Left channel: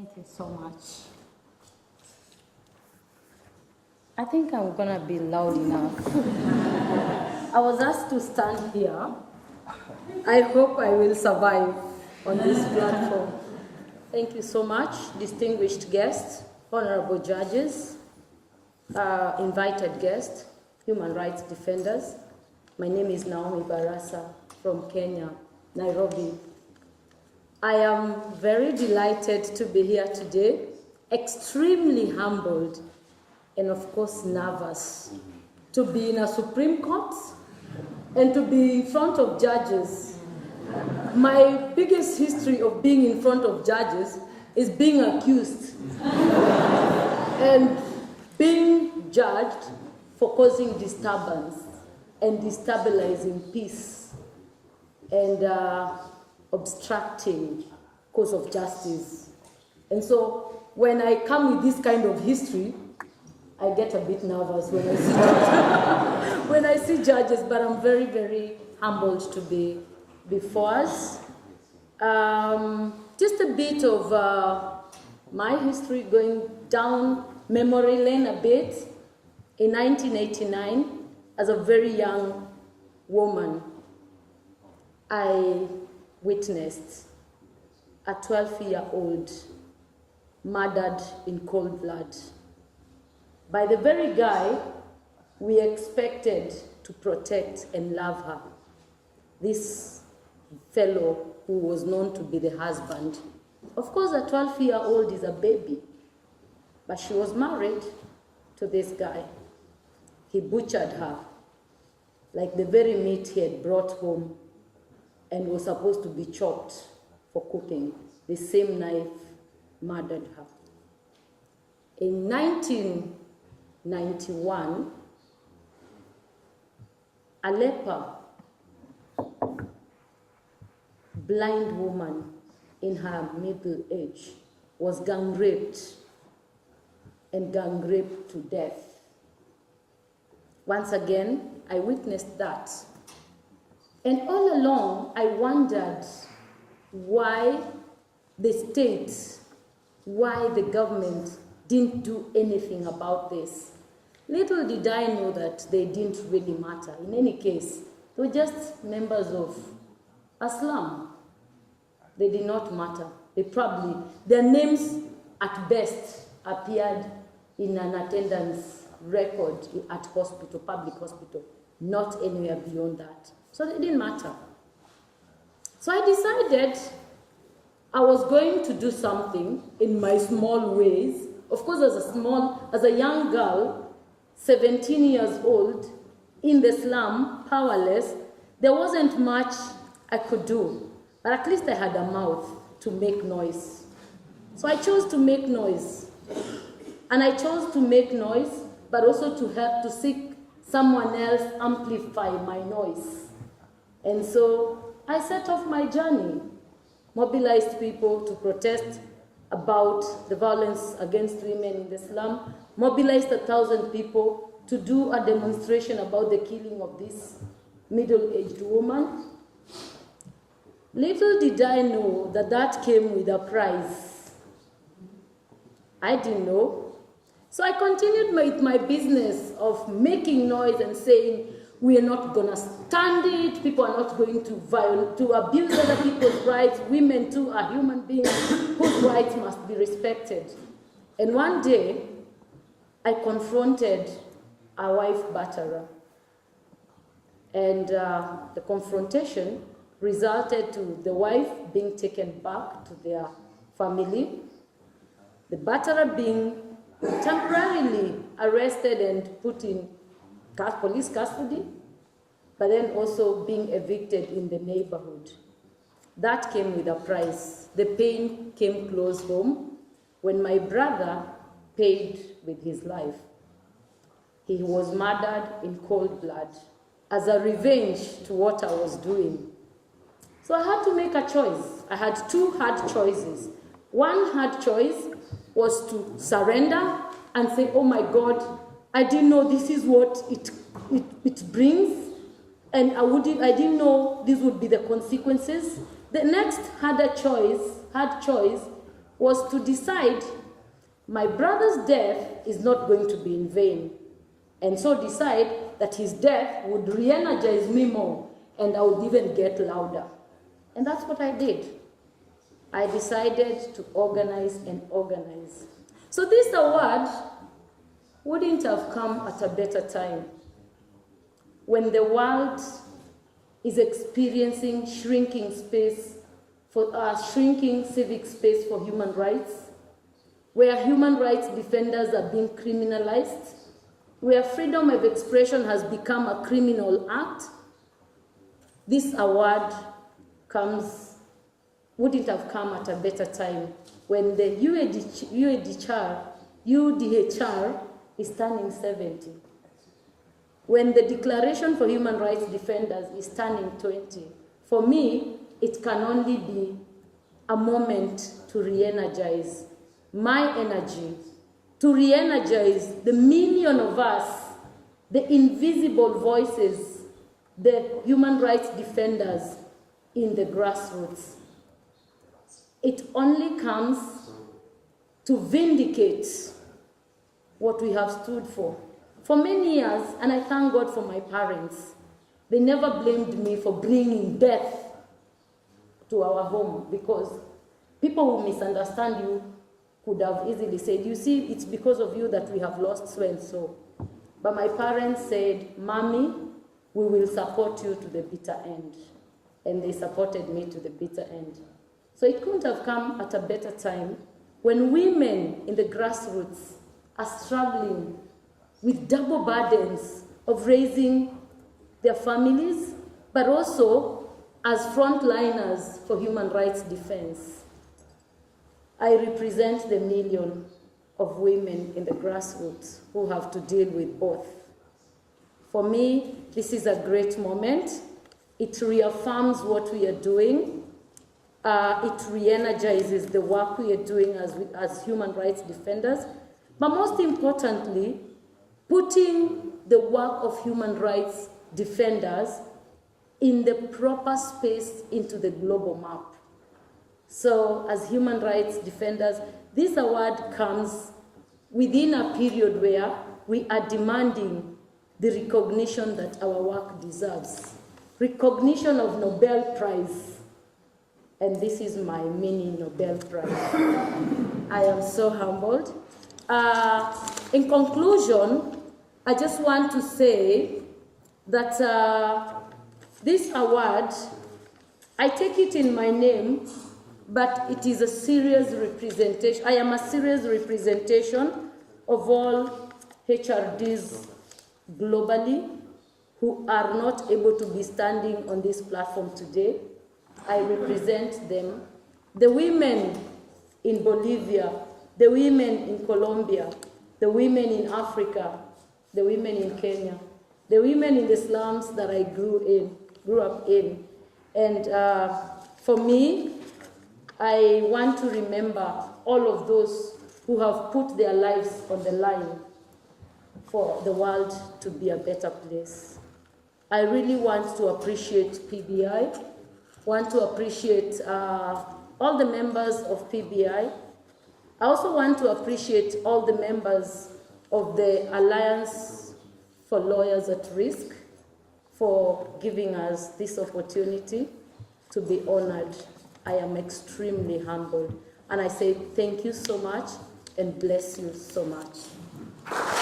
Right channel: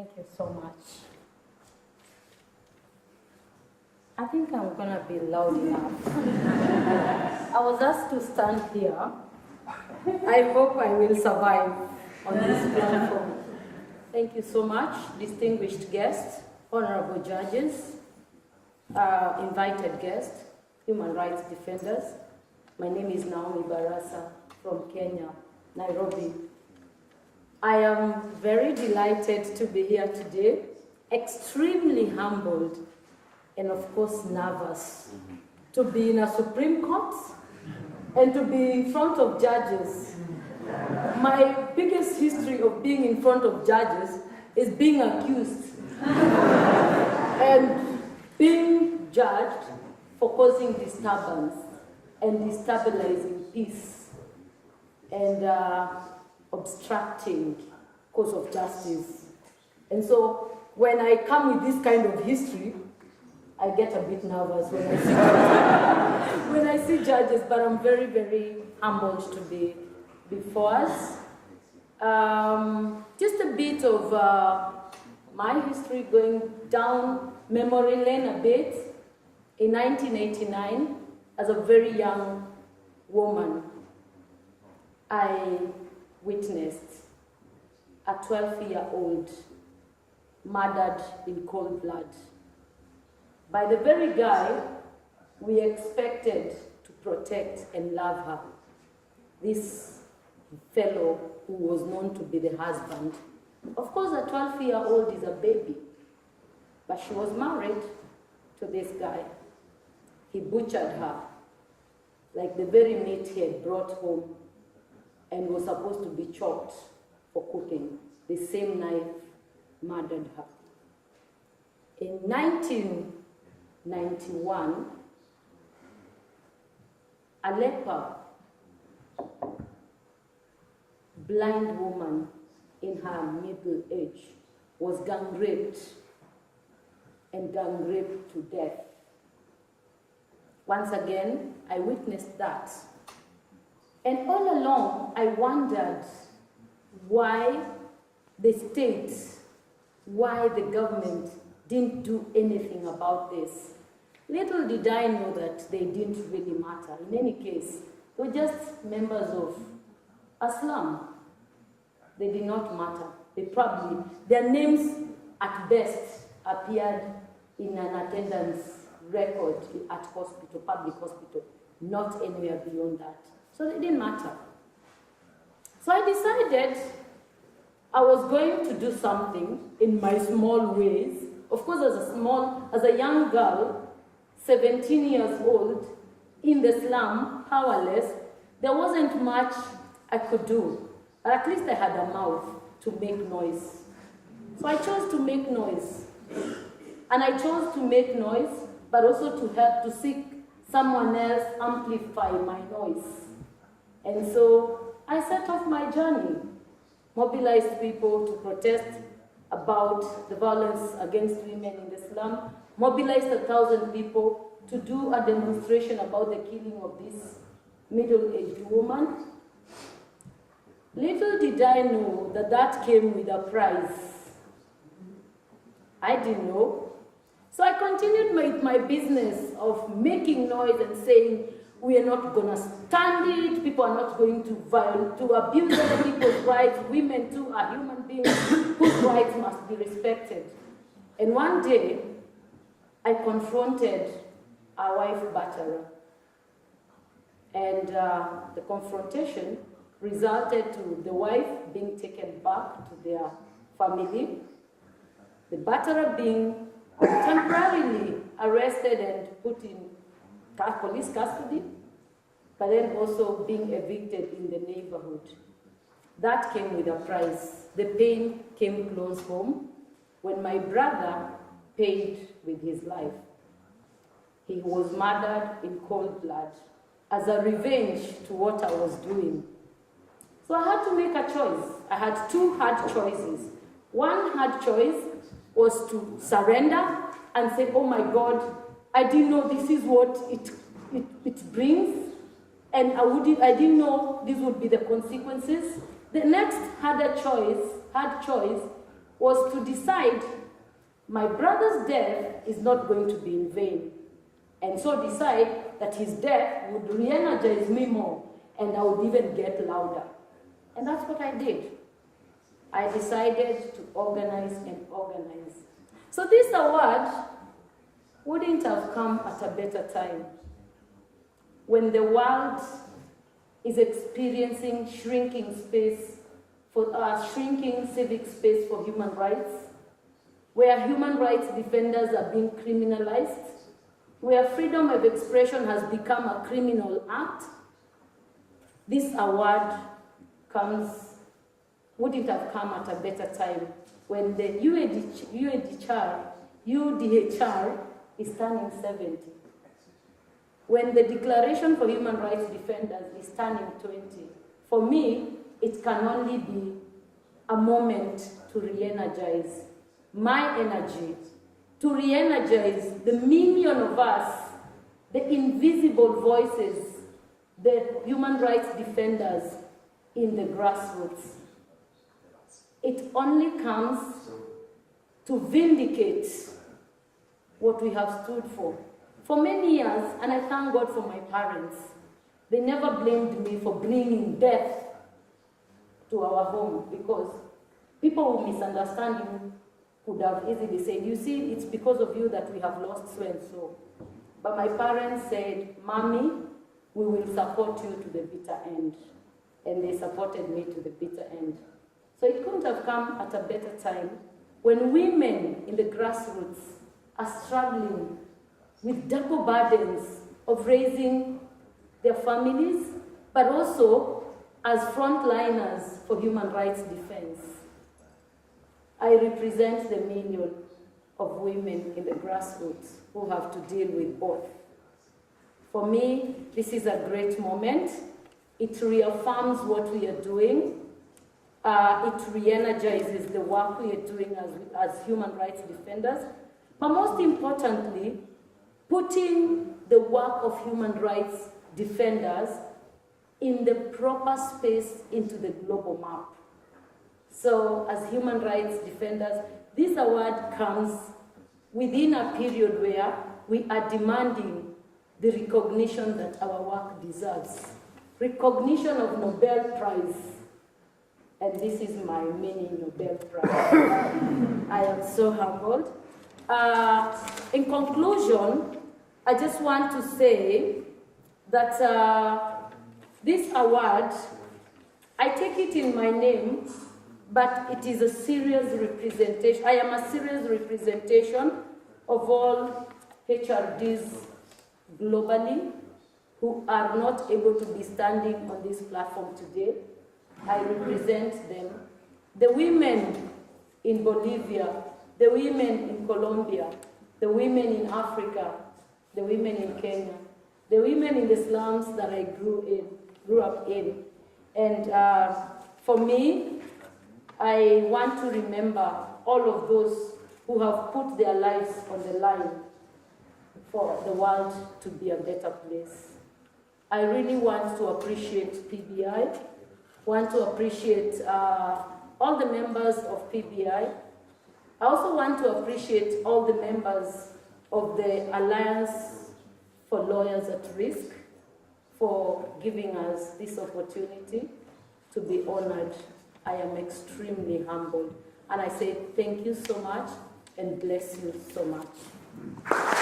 Thank you so much. I think I'm gonna be loud enough. I was asked to stand here. I hope I will survive on this platform. Thank you so much, distinguished guests, honorable judges, invited guests, human rights defenders. My name is Naomi Barasa from Kenya, Nairobi. I am very delighted to be here today, extremely humbled, and of course nervous to be in a Supreme Court and to be in front of judges. My biggest history of being in front of judges is being accused and being judged for causing disturbance and destabilizing peace and obstructing cause of justice. And so when I come with this kind of history, I get a bit nervous when I see judges, when I see judges, but I'm very, very humbled to be before us. Just a bit of my history, going down memory lane a bit. In 1989, as a very young woman, I witnessed a 12-year-old murdered in cold blood by the very guy we expected to protect and love her. This fellow who was known to be the husband. Of course, a 12-year-old is a baby, but she was married to this guy. He butchered her like the very meat he had brought home and was supposed to be chopped for cooking. The same knife murdered her. In 1991, a leper, blind woman in her middle age, was gang raped and gang raped to death. Once again, I witnessed that. And all along, I wondered why the state, why the government didn't do anything about this. Little did I know that they didn't really matter. In any case, they were just members of a slum. They did not matter. Their names at best appeared in an attendance record at hospital, public hospital, not anywhere beyond that. So they didn't matter. So I decided I was going to do something in my small ways. Of course, as a young girl, 17 years old, in the slum, powerless, there wasn't much I could do. But at least I had a mouth to make noise. So I chose to make noise. And I chose to make noise, but also to help to seek someone else amplify my noise. And so I set off my journey, mobilized people to protest about the violence against women in the slum, mobilized 1,000 people to do a demonstration about the killing of this middle-aged woman. Little did I know that that came with a price. I didn't know. So I continued with my business of making noise and saying, we are not going to stand it. People are not going to abuse other people's rights. Women, too, are human beings whose rights must be respected. And one day, I confronted a wife batterer. And the confrontation resulted to the wife being taken back to their family, the batterer being temporarily arrested and put in police custody, but then also being evicted in the neighborhood. That came with a price. The pain came close home when my brother paid with his life. He was murdered in cold blood as a revenge to what I was doing. So I had to make a choice. I had two hard choices. One hard choice was to surrender and say, oh my God, I didn't know this is what it brings, and I didn't know these would be the consequences. The next hard choice was to decide my brother's death is not going to be in vain, and so decide that his death would re-energize me more, and I would even get louder. And that's what I did. I decided to organize and organize. So this award wouldn't have come at a better time, when the world is experiencing shrinking civic space for human rights, where human rights defenders are being criminalized, where freedom of expression has become a criminal act. This award wouldn't have come at a better time, when the UDHR is turning 70. When the Declaration for Human Rights Defenders is turning 20. For me, it can only be a moment to re-energize my energy, to re-energize the million of us, the invisible voices, the human rights defenders in the grassroots. It only comes to vindicate what we have stood for. For many years, and I thank God for my parents, they never blamed me for bringing death to our home, because people who misunderstand you could have easily said, you see, it's because of you that we have lost so and so. But my parents said, Mommy, we will support you to the bitter end. And they supported me to the bitter end. So it couldn't have come at a better time, when women in the grassroots are struggling with double burdens of raising their families, but also as frontliners for human rights defense. I represent the million of women in the grassroots who have to deal with both. For me, this is a great moment. It reaffirms what we are doing. It re-energizes the work we are doing as human rights defenders. But most importantly, putting the work of human rights defenders in the proper space into the global map. So as human rights defenders, this award comes within a period where we are demanding the recognition that our work deserves. Recognition of Nobel Prize. And this is my mini Nobel Prize. I am so humbled. In conclusion, I just want to say that this award, I take it in my name, but it is a serious representation. I am a serious representation of all HRDs globally who are not able to be standing on this platform today. I represent them. The women in Bolivia, the women in Colombia, the women in Africa, the women in Kenya, the women in the slums that I grew up in. And for me, I want to remember all of those who have put their lives on the line for the world to be a better place. I really want to appreciate PBI, want to appreciate all the members of PBI. I also want to appreciate all the members of the Alliance for Lawyers at Risk for giving us this opportunity to be honored. I am extremely humbled. And I say thank you so much and bless you so much.